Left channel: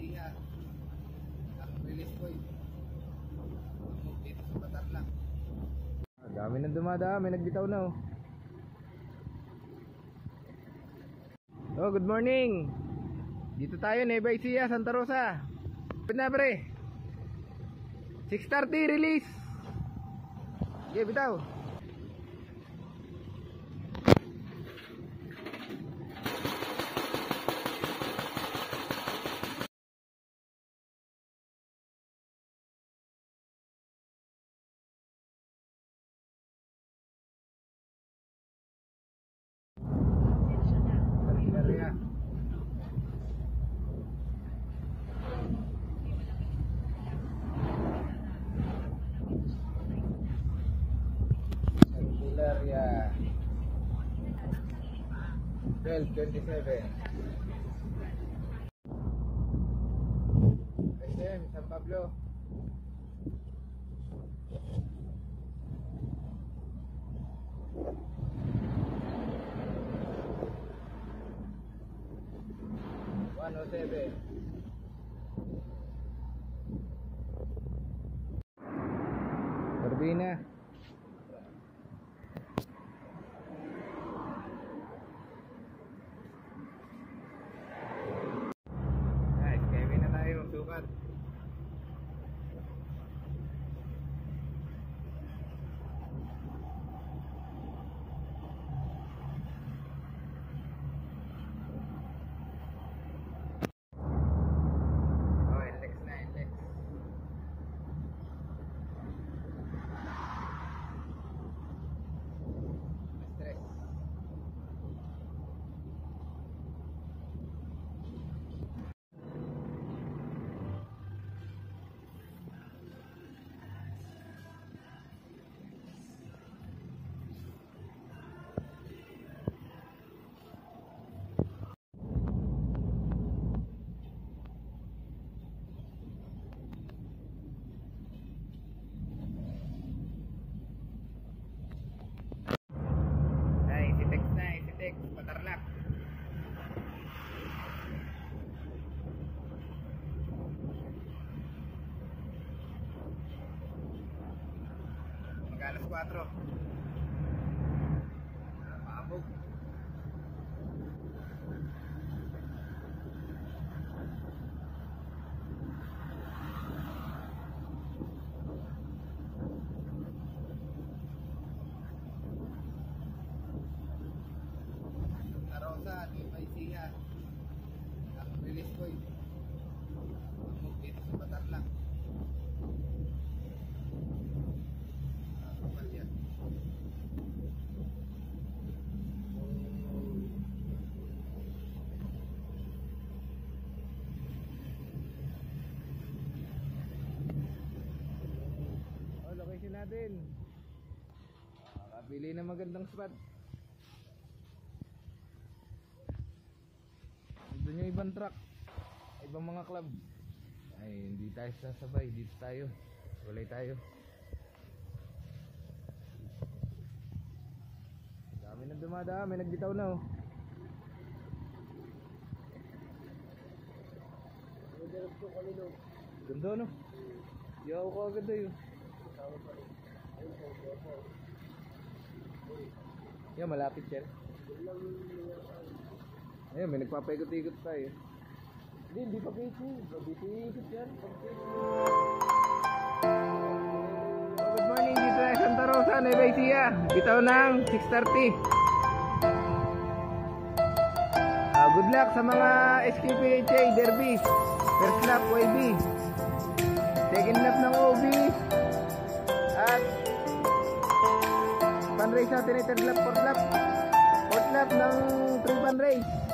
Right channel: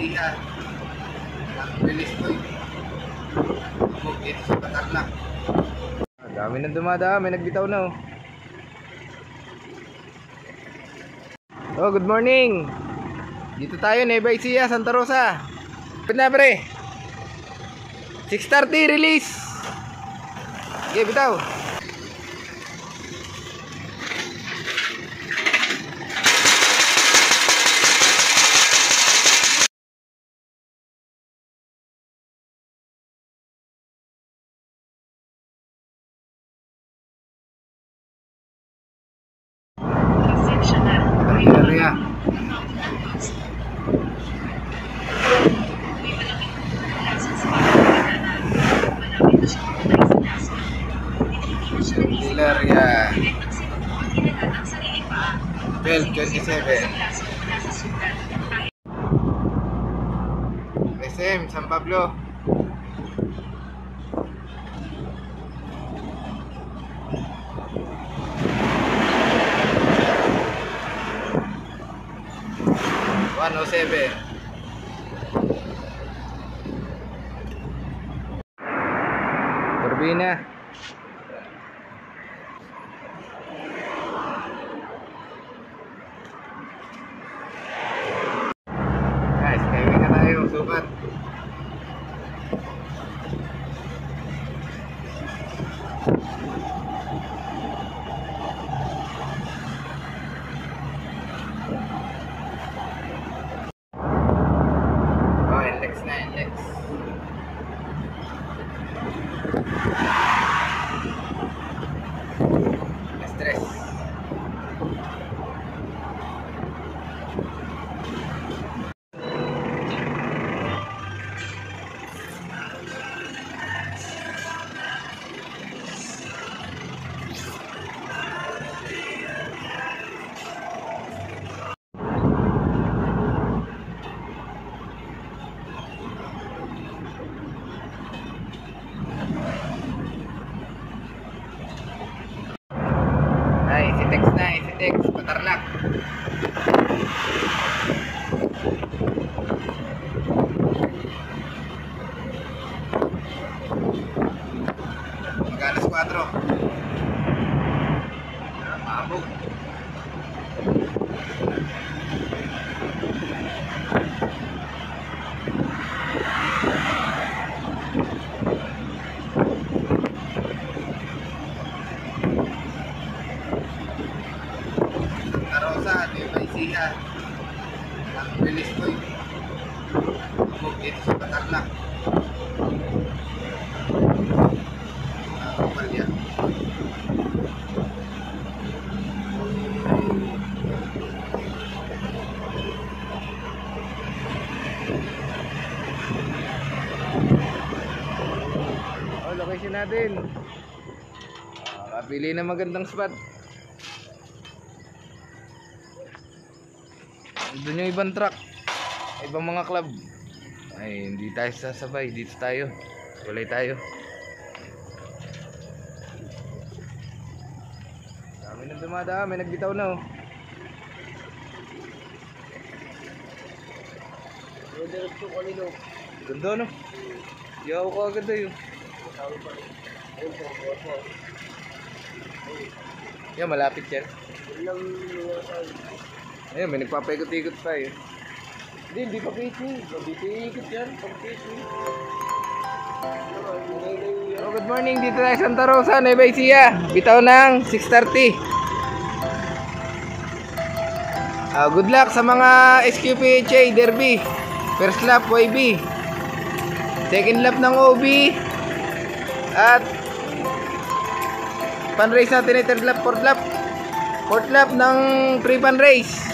Siha. Ang release ko dito sa Patarlac. Dami nang dumadaan, may nagbitaw na oh. Oh, good morning. Dito tayo, Nueva Ecija, Santa Rosa. Pwede na pre. 6:30 release. Okay, bitaw. Area. Area. 12:27. SM San Pablo. Turbina. Guys, kaya na tayo sukat. Stress. Isitex, Patarlac. Mag-alas 4. Mabog. Nueva Ecija. Ang release ko dito sa Patarlac. Palya. Oh, location natin. Kapili na magandang spot. Doon yung ibang truck, ibang mga club. Ay, hindi tayo sasabay. Dito tayo. Walay tayo. Dami nang dumadaan. May nagbitaw na oh. Ganda no? Yaw ko agad na yun. Yan, malapit yan. Ayun, may nagpapaikot-ikot tayo. Hindi pa casing. Mabiti-ikot yan. Oh, good morning. Dito tayo Santa Rosa, Nueva Ecija. Bitaw ng 6:30. Good luck sa mga SQPHA Derby. First lap YB. Second lap ng OB. At pan race natin ay third lap, fourth lap. Fourth lap ng pre-pan race.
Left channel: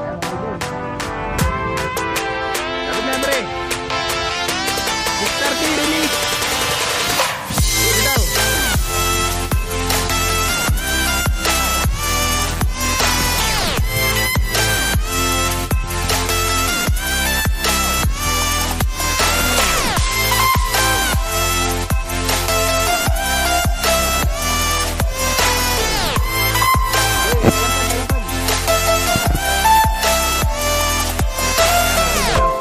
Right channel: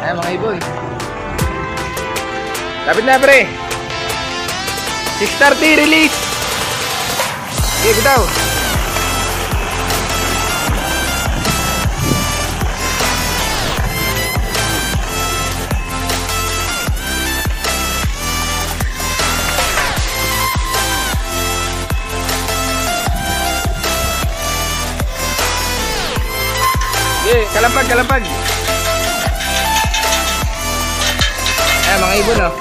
Ayan mga iboy. Kapit na pre. 6:30 release. Sige bitaw. Kalampag, kalampag. ibon oh.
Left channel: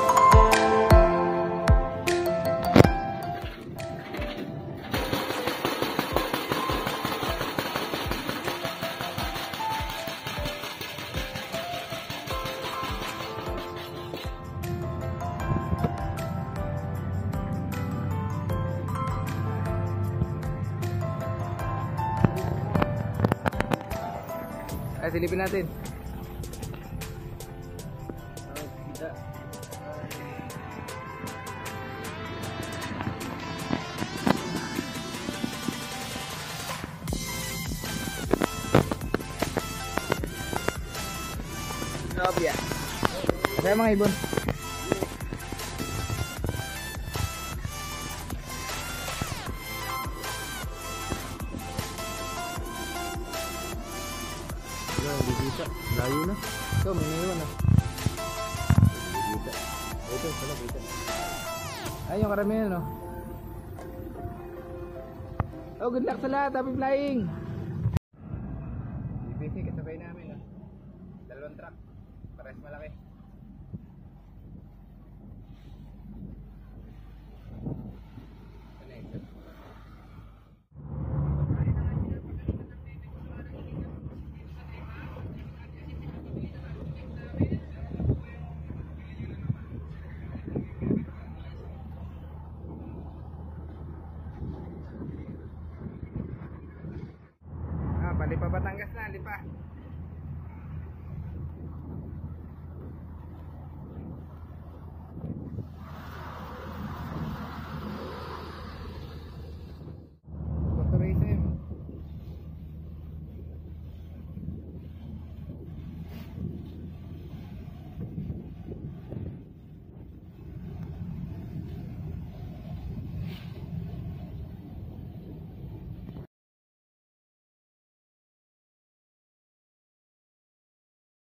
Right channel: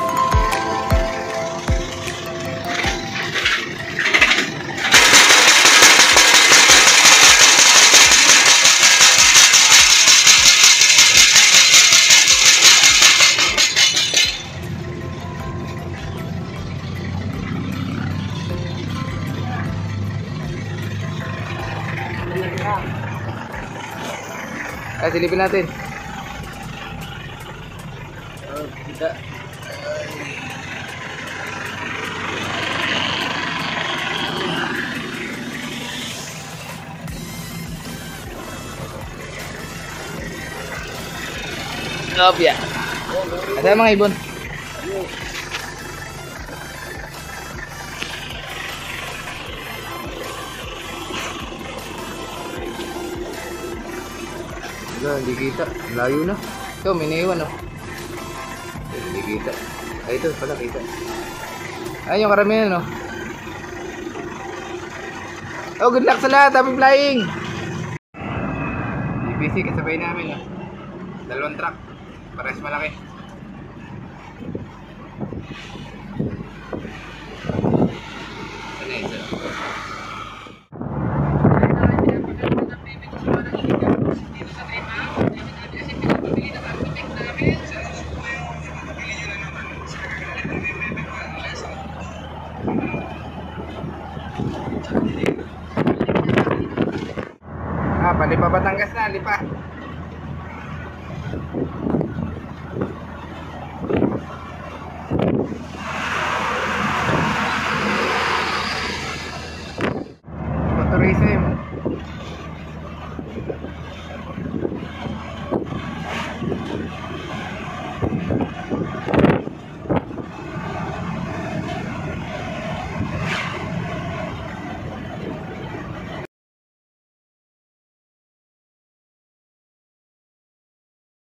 Ay, silipin natin. Kita. Ngobya. Ada mga ibon. Wala, hindi kita. Layo na. Ito, may naiwan oh. Hindi kita. Ay, ito pala kita. Ayun yung karamihan oh. Oh, good luck sa lahat. Happy flying! BBC kasabay namin oh. Dalawang truck. Pares malaki. Ano ito? Ah, palipa Batangas na, lipa. Tourism.